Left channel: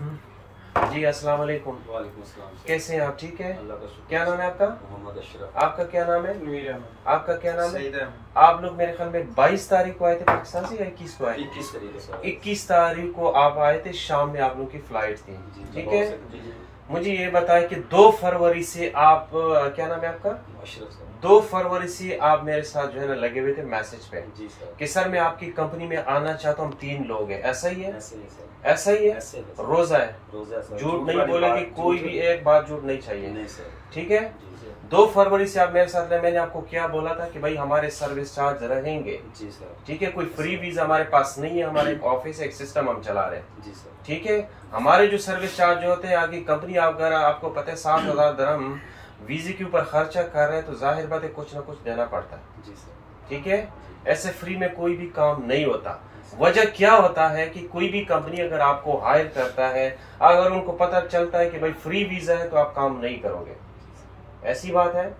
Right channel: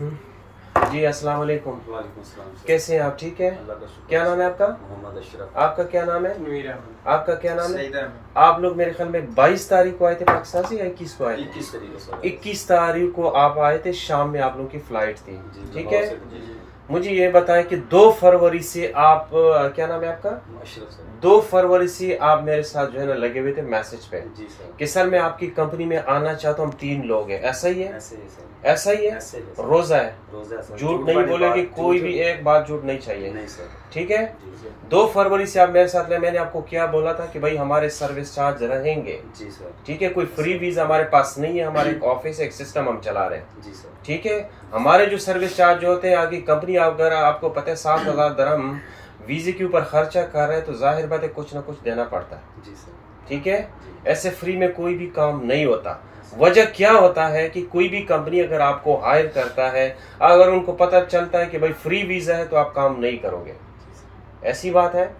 जी अस्सलाम वालेकुम। वालेकुम सलाम। कैसे हैं आप? ठीक है। अल्लाह का शुक्र। क्या नाम है आपका? मोहम्मद अशरफ। आपका क्या नाम है? नवीर अहमद। आपका क्या नाम है? सईद अहमद। आप लोग मेरे ख्याल में 22 तारीख को आए थे पाकिस्तान से या 21 को आए थे? 21 तारीख से। 21 तारीख को आप आए थे, शाम में आप लोगों की फ्लाइट थी, ठीक है। जी। मुझे ये बताएं कि 2 फरवरी से आप क्या नाम है आपका? अशरफ सर। 2 फरवरी से आप मेरे साथ जो है ना लगे हुए थे मैसेज पे जी सर। कि सर मैं आपकी कंपनी में आना चाहता हूँ, हम 3 लोग हैं। ऐसा ही है? ऐसे ही सर। ऐसा ही है? ऐसे ही सर। रोजा है? रोजा सर। झूठ नहीं बोलेंगे, कोई भी एक बात झूठ नहीं चाहिए। नहीं सर। ठीक है। जी सर। 2 फरवरी से आप मेरे साथ रहे। मैंने आपको क्या बोला था कि भाई हमारे सर्विस चार्ज रहेंगे, जी सर। ठीक है। कोई फ्री वीजा हमारे पास नहीं है, हमारे एक ऑफिस एक सिस्टम हम चला रहे हैं, जी सर। ठीक है। हमारे जो सर्विस चार्ज होते हैं आगे कंपनी अगर आपको पता है 7,000 दरहम वीजे के ऊपर खर्चा कर रहे हैं तो जाहिर बात है कुछ ना कुछ देना पड़ता है, जी सर। ठीक है। ऐसे फ्री में कोई भी काम नहीं होता। वजह क्या होता है कि कोई भी कंपनी अगर आपको हायर करता है, अगर उनको पता चलता है कि भाई फ्री वीजा है तो आप काम नहीं करोगे, ऐसी बात है,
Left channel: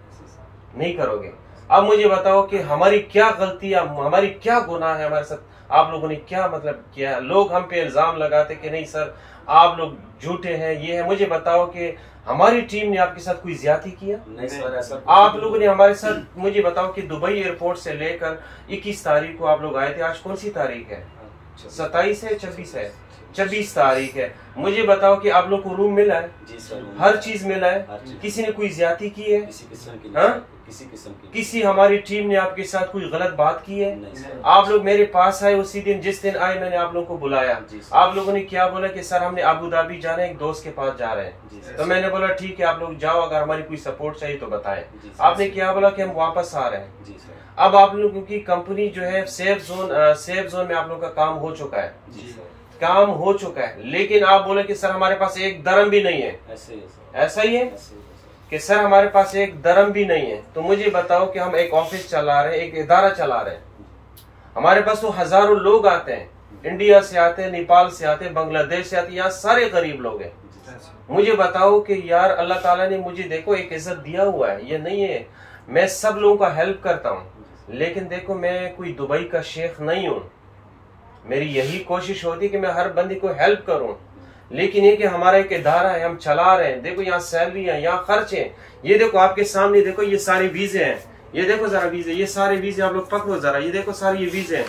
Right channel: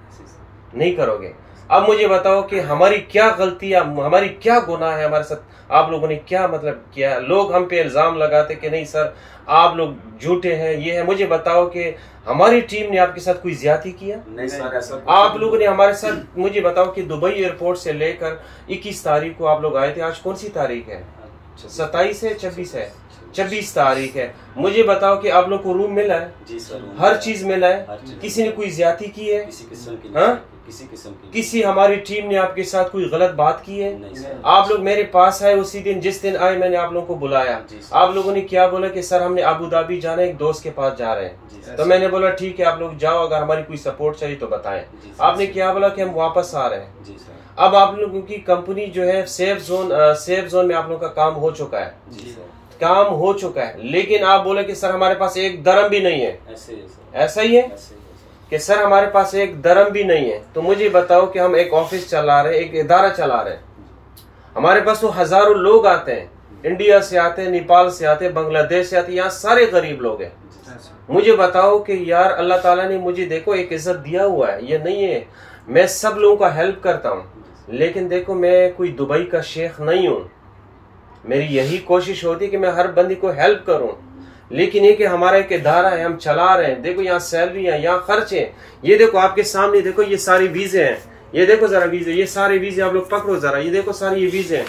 नहीं करोगे। अब मुझे बताओ कि हमारी क्या गलती, हमारी क्या गुनाह है हमारे साथ, आप लोगों ने क्या मतलब किया? लोग हम पे इल्जाम लगाते कि नहीं सर आप लोग झूठे हैं, ये है। मुझे बताओ कि हमारी टीम ने आपके साथ कोई ज्यादती किया? नहीं सर, ऐसा आप लोगों ने हमारे साथ, मुझे बताओ कि दुबई एयरपोर्ट से लेकर 21 तारीख को आप लोग आए थे। आज कौन सी तारीख है? 27 है, 26 है, 26 तारीख है। मुझे बताओ कि आप लोग को रूम मिला है? जी सर। हर चीज मिला है? चीज। किसी ने कोई ज्यादती की है? किसी किस्म की हाँ? किसी किस्म की किसी हमारी टीम ने आपके साथ कोई गलत बात की है? नहीं सर। आप लोग मेरे पास आए उसी दिन, जिस दिन आए मैंने आप लोगों को बुलाया। जी सर। आप लोगों ने क्या बोला कि सर हमने अबू धाबी जाना है, एक दोस्त के पास जा रहे जी हैं। सर। तो मैंने बोला ठीक है आप लोग जाओ, अगर हमारी कोई सपोर्ट चाहिए तो बताएं। जी सर। आपने क्या बोला कि हम वापस आ रहे हैं। जी सर। अब आप लोगों की कंपनी जो है सेफ जोन में आप लोगों का काम हो चुका है, जी सर। काम हो चुका है, लेकिन आप बोले कि सर हमारे पास एक दरम भी नहीं है। ऐसे ही है सर। ऐसा ही है ऐसे ही है सर। कि सर हमारे पास एक दरम भी नहीं है। तो मुझे बताओ कि हम एक ऑफिस चला रहे हैं, एक इदारा चला रहे हैं, हमारे पास तो हजारों लोग आते हैं, इंडिया से आते हैं, नेपाल से आते हैं, बांग्लादेश से आते हैं, यहाँ सारे गरीब लोग हैं। मुझे बताओ कि यार अल्लाह ताला ने मुझे देखो एक इज्जत दिया हुआ है, ये नहीं है मैं सब लोगों का हेल्प करता हूँ, लेकिन देखो मैं कोई दुबई का शेख नहीं हूँ। मेरी यही कोशिश होती है कि मैं हर बंदे को हेल्प करूं, लेकिन ये कि हमारा एक इदारा है, हम चला रहे हैं। देखो यहाँ सैलरी है, यहाँ खर्चे हैं। ये देखो आपके सामने, देखो ये सारे वीजे हैं, ये देखो जरा वीजे, ये सारे वीजे आप लोग पकड़ो जरा, ये देखो सारे ये वीजे हैं।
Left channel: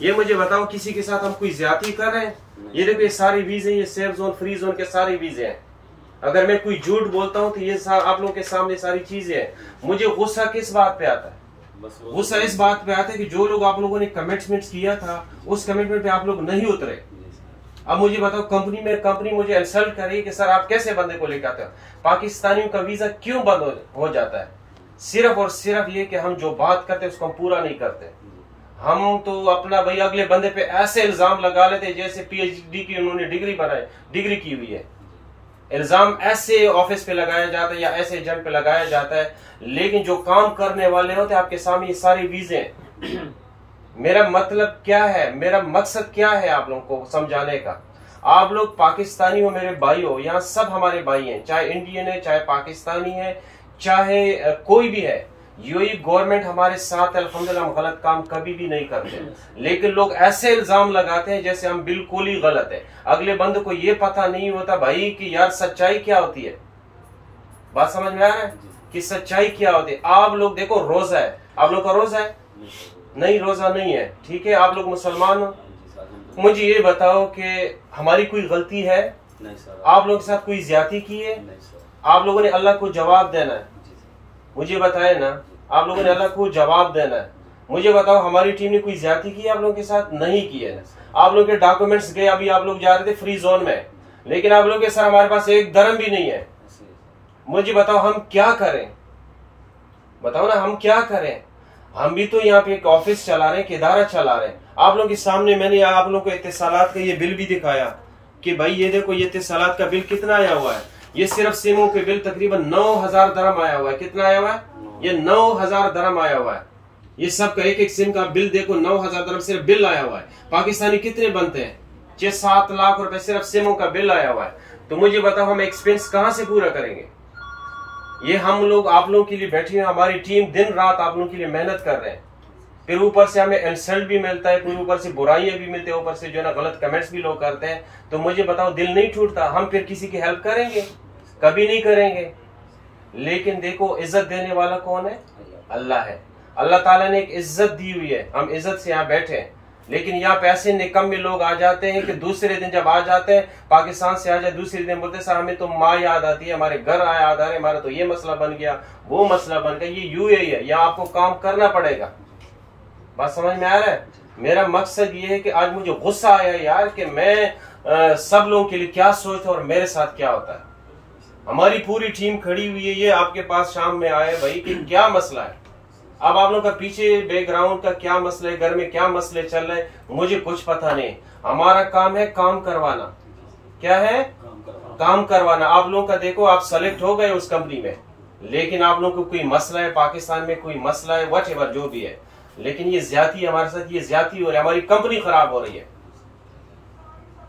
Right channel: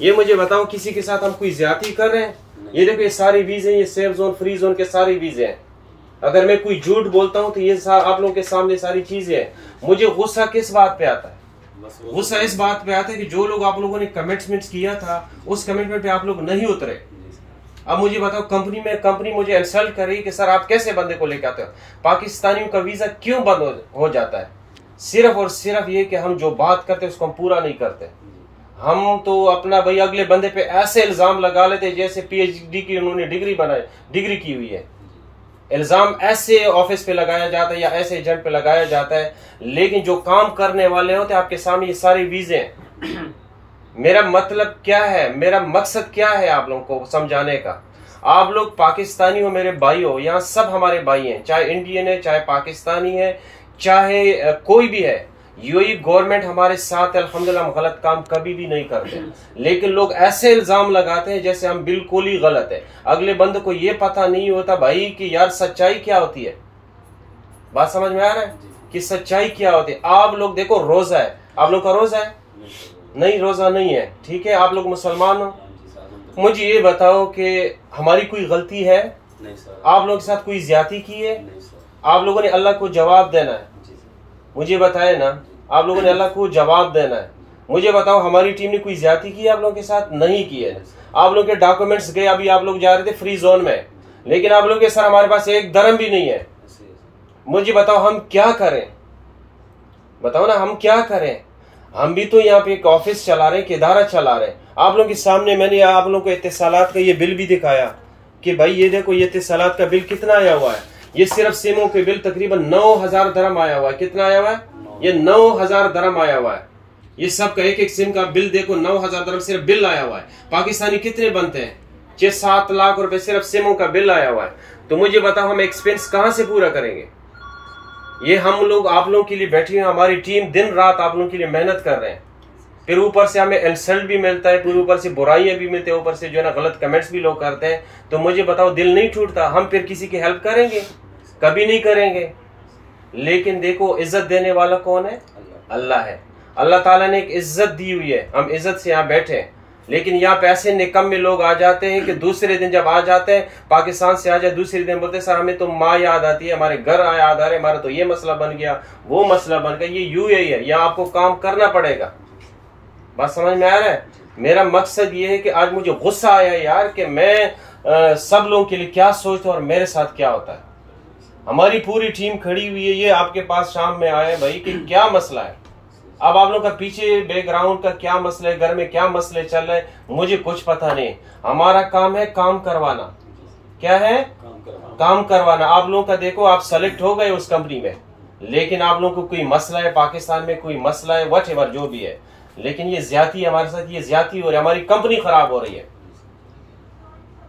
ये मुझे बताओ किसी के साथ हम कोई ज्यादती कर रहे हैं? ये देखो ये सारे वीजे, ये सेफ जोन फ्री जोन के सारे वीजे हैं। अगर मैं कोई झूठ बोलता हूँ तो ये आप लोगों के सामने सारी चीजें हैं। मुझे गुस्सा किस बात पे आता है? गुस्सा इस बात पे आता है कि जो लोग आप लोगों ने कमिटमेंट किया था उस कमिटमेंट पे आप लोग नहीं उतरे। अब मुझे बताओ कंपनी मुझे इंसल्ट कर रही है कि सर आप कैसे बंदे को लेकर आते हो? पाकिस्तानियों का वीजा क्यों बंद हो जाता है? सिर्फ और सिर्फ ये कि हम जो बात करते हैं उसको हम पूरा नहीं करते। हम तो अपना भाई अगले बंदे पे ऐसे इल्जाम लगा लेते जैसे पीएचडी की उन्होंने डिग्री की हुई है। इल्जाम ऐसे ऑफिस पे लगाया जाता है या ऐसे एजेंट पे लगाया जाता है, लेकिन जो काम करने वाले होते हैं आपके सामने ये सारे वीजे हैं। मेरा मतलब क्या है, मेरा मकसद क्या है आप लोगों को समझाने का? आप लोग पाकिस्तानी हो, मेरे भाई हो, यहाँ सब हमारे भाई हैं, चाहे इंडियन है, चाहे पाकिस्तानी है, चाहे कोई भी है। यूएई गवर्नमेंट हमारे साथ अल्हम्दुलिल्लाह, हम गलत काम कभी भी नहीं करते, लेकिन लोग ऐसे इल्जाम लगाते हैं जैसे हम बिल्कुल ही गलत है। अगले बंदे को ये पता नहीं होता भाई कि यार सच्चाई क्या होती है। बात समझ में आ रहा है कि सच्चाई क्या होती है? आप लोग देखो रोजा है, आप लोग का रोजा है? नहीं, रोजा नहीं है, ठीक है। आप लोग मुसलमान हो, मुझे ये बताओ कि हमारी कोई गलती है? नहीं सर। आप लोगों के साथ कोई ज्यादती की है? नहीं सर। आप लोगों ने अल्लाह को जवाब देना है, मुझे बताए ना, आप लोगों ने अल्लाह को जवाब देना है। मुझे बताओ हमारी टीम ने कोई ज्यादती की है आप लोगों के साथ? नहीं की है। आप लोगों के डॉक्यूमेंट्स गए, अभी आप लोग जा रहे थे फ्री जोन में, लेकिन आप लोग के सर हमारे पास एक दरम भी नहीं है। मुझे बताओ हम क्या करें? बताओ ना हम क्या करें? हम भी तो यहाँ पे एक ऑफिस चला रहे हैं, एक इदारा चला रहे हैं। आप लोगों के सामने मैंने आप लोगों को इत्तिसालात का ये बिल भी दिखाया कि भाई ये देखो ये इत्तिसालात का बिल कितना आया हुआ है। ये सिर्फ सिमों के बिल तकरीबन 9,000 दरम आया हुआ है। कितना आया हुआ है? ये 9,000 दरम आया हुआ है। ये सब का एक एक सिम का बिल देखो, 9,000 दरम सिर्फ बिल आया हुआ है। पाकिस्तानी कितने बनते हैं? 6-7 लाख रुपए सिर्फ सिमों का बिल आया हुआ है। तो मुझे बताओ हम एक्सपेंस कहां से पूरा करेंगे? ये हम लोग आप लोगों के लिए बैठे हुए, हमारी टीम दिन रात आप लोगों के लिए मेहनत कर रहे हैं। फिर ऊपर से हमें इंसल्ट भी मिलता है, फिर ऊपर से बुराइयां भी मिलती है, ऊपर से जो है ना गलत कमेंट्स भी लोग करते हैं। तो मुझे बताओ दिल नहीं टूटता? हम फिर किसी की हेल्प करेंगे? कभी नहीं करेंगे। लेकिन देखो इज्जत देने वाला कौन है? अल्लाह है। अल्लाह ताला ने एक इज्जत दी हुई है, हम इज्जत से यहाँ बैठे हैं। लेकिन यहाँ पे ऐसे निकम्मे लोग आ जाते हैं कि दूसरे दिन जब आ जाते हैं, पाकिस्तान से आ जाए, दूसरे दिन बोलते हैं सर हमें तो माँ याद आती है, हमारे घर याद आ रहे, हमारा तो ये मसला बन गया, वो मसला बन गया। ये UAE है, यहाँ आपको काम करना पड़ेगा। बात समझ में आ रहा है? मेरा मकसद ये है कि आज मुझे गुस्सा आया यार कि मैं सब लोगों के लिए क्या सोचता हूँ और मेरे साथ क्या होता है। हमारी पूरी टीम खड़ी हुई है, ये आपके पास शाम में आया भाई कि क्या मसला है। अब आप लोगों का पीछे बैकग्राउंड का क्या मसला है, घर में क्या मसले चल रहे हैं, मुझे कुछ पता नहीं। हमारा काम है काम करवाना। क्या है? काम करवाना। आप लोगों का देखो, आप सेलेक्ट हो गए उस कंपनी में, लेकिन आप लोगों को कोई मसला है, पाकिस्तान में कोई मसला है, व्हाटएवर जो भी है, लेकिन ये ज्यादती हमारे साथ, ये ज्यादती हो रही है, हमारी कंपनी खराब हो रही है,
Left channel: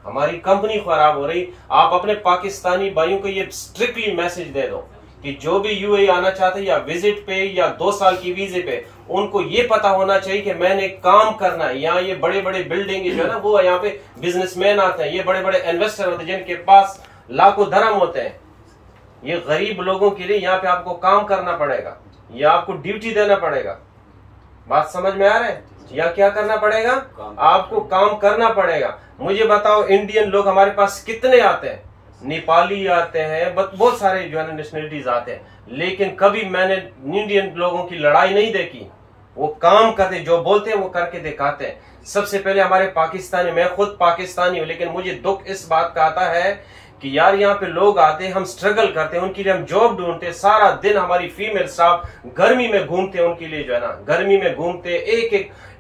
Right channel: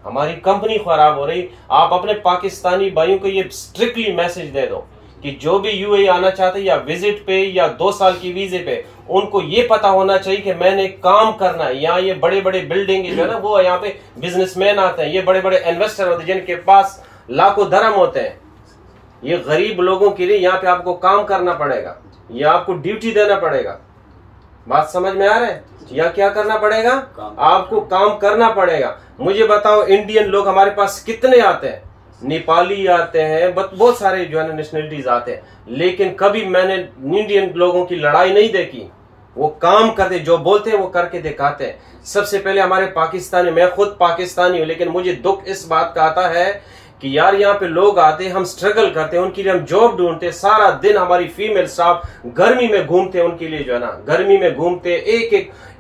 हमारी कंपनी खराब हो रही। आप अपने पाकिस्तानी भाइयों को ये स्ट्रिक्टली मैसेज दे दो कि जो भी UAE आना चाहते हैं या विजिट पे या 2 साल की वीजे पे, उनको ये पता होना चाहिए कि मैंने काम करना है। यहाँ ये बड़े बड़े बिल्डिंग जो है ना, वो यहाँ पे बिजनेसमैन आते हैं, ये बड़े बड़े इन्वेस्टर होते हैं जिनके पास लाखों दरम होते हैं। ये गरीब लोगों के लिए यहाँ पे आपको काम करना पड़ेगा, या आपको ड्यूटी देना पड़ेगा। बात समझ में आ रहा है? या क्या करना पड़ेगा? आपको काम करना पड़ेगा। मुझे बताओ इंडियन लोग हमारे पास कितने आते हैं? नेपाली आते हैं, बहुत सारे जो है ना नेशनलिटीज आते हैं, लेकिन कभी मैंने इंडियन लोगों की लड़ाई नहीं देखी। वो काम करते, जो बोलते हैं वो करके दिखाते हैं। सबसे पहले हमारे पाकिस्तानी, मैं खुद पाकिस्तानी हूं, लेकिन मुझे दुख इस बात का आता है कि यार यहाँ पे लोग आते हैं, हम स्ट्रगल करते हैं, उनके लिए हम जॉब ढूंढते हैं, सारा दिन हमारी फीमेल स्टाफ गर्मी में घूमते हैं, उनके लिए जो है ना गर्मी में घूमते, एक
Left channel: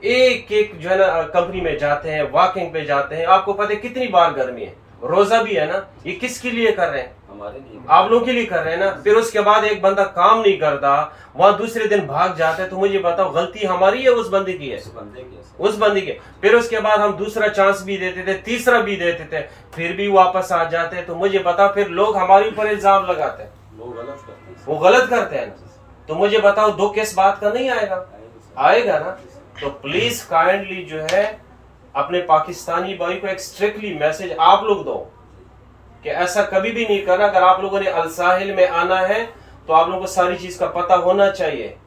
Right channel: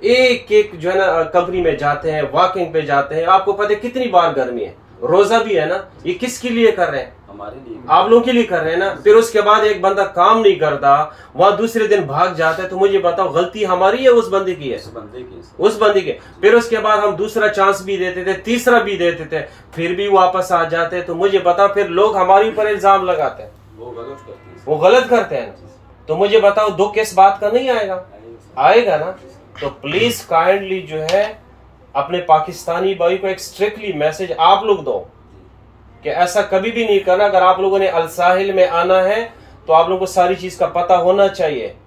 एक जो है ना कंपनी में जाते हैं, वॉकिंग पे जाते हैं। आपको पता है कितनी बार गर्मी है, रोजा भी है ना। ये किसके लिए कर रहे हैं? हमारे लिए, आप लोगों के लिए कर रहे हैं ना। फिर उसके बाद एक बंदा काम नहीं करता, वहां दूसरे दिन भाग जाता है, तो मुझे बताओ गलती हमारी है उस बंदे की है? उस बंदे की। फिर उसके बाद हम दूसरा चांस भी देते थे, तीसरा भी देते थे, फिर भी वापस आ जाते। तो मुझे बता, फिर लोग हमारे ऊपर इल्जाम लगाते हैं, वो गलत करते हैं ना। तो मुझे बताओ दुख किस बात का नहीं आएगा? आएगा ना। तो प्लीज काइंडली जो है अपने पाकिस्तानी भाई को एक स्ट्रिक्टली मैसेज आप लोग दो कि ऐसा कभी भी नहीं करना। अगर आप लोगों ने अल साहिल में आना है तो आप लोगों को सारी चीज का पता होना चाहिए।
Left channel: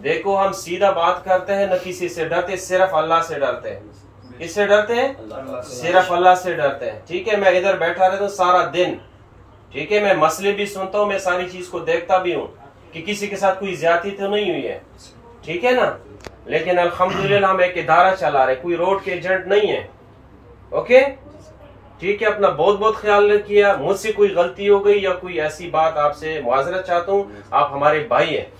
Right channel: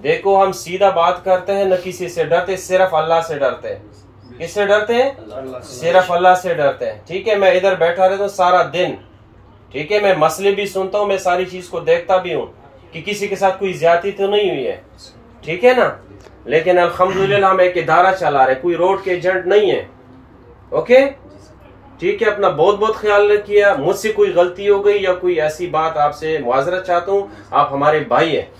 देखो हम सीधा बात करते हैं, न किसी से डरते, सिर्फ अल्लाह से डरते हैं। किससे डरते हैं? सिर्फ अल्लाह से डरते हैं। ठीक है, मैं इधर बैठा रहता हूँ सारा दिन, ठीक है, मैं मसले भी सुनता हूँ, मैं सारी चीज को देखता भी हूँ कि किसी के साथ कोई ज्यादती तो नहीं हुई है, ठीक है ना। लेकिन अल्हम्दुलिल्लाह हम एक इदारा चला रहे, कोई रोड के एजेंट नहीं है। ओके, ठीक है, अपना बहुत बहुत ख्याल रखिए। मुझसे कोई गलती हो गई या कोई ऐसी बात आपसे मुआजरत चाहता हूँ, आप हमारे भाई हैं,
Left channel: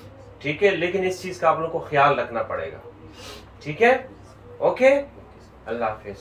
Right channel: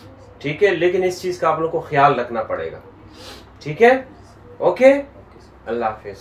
ठीक है, लेकिन इस चीज का आप लोग को ख्याल रखना पड़ेगा, ठीक है। ओके, अल्लाह हाफिज।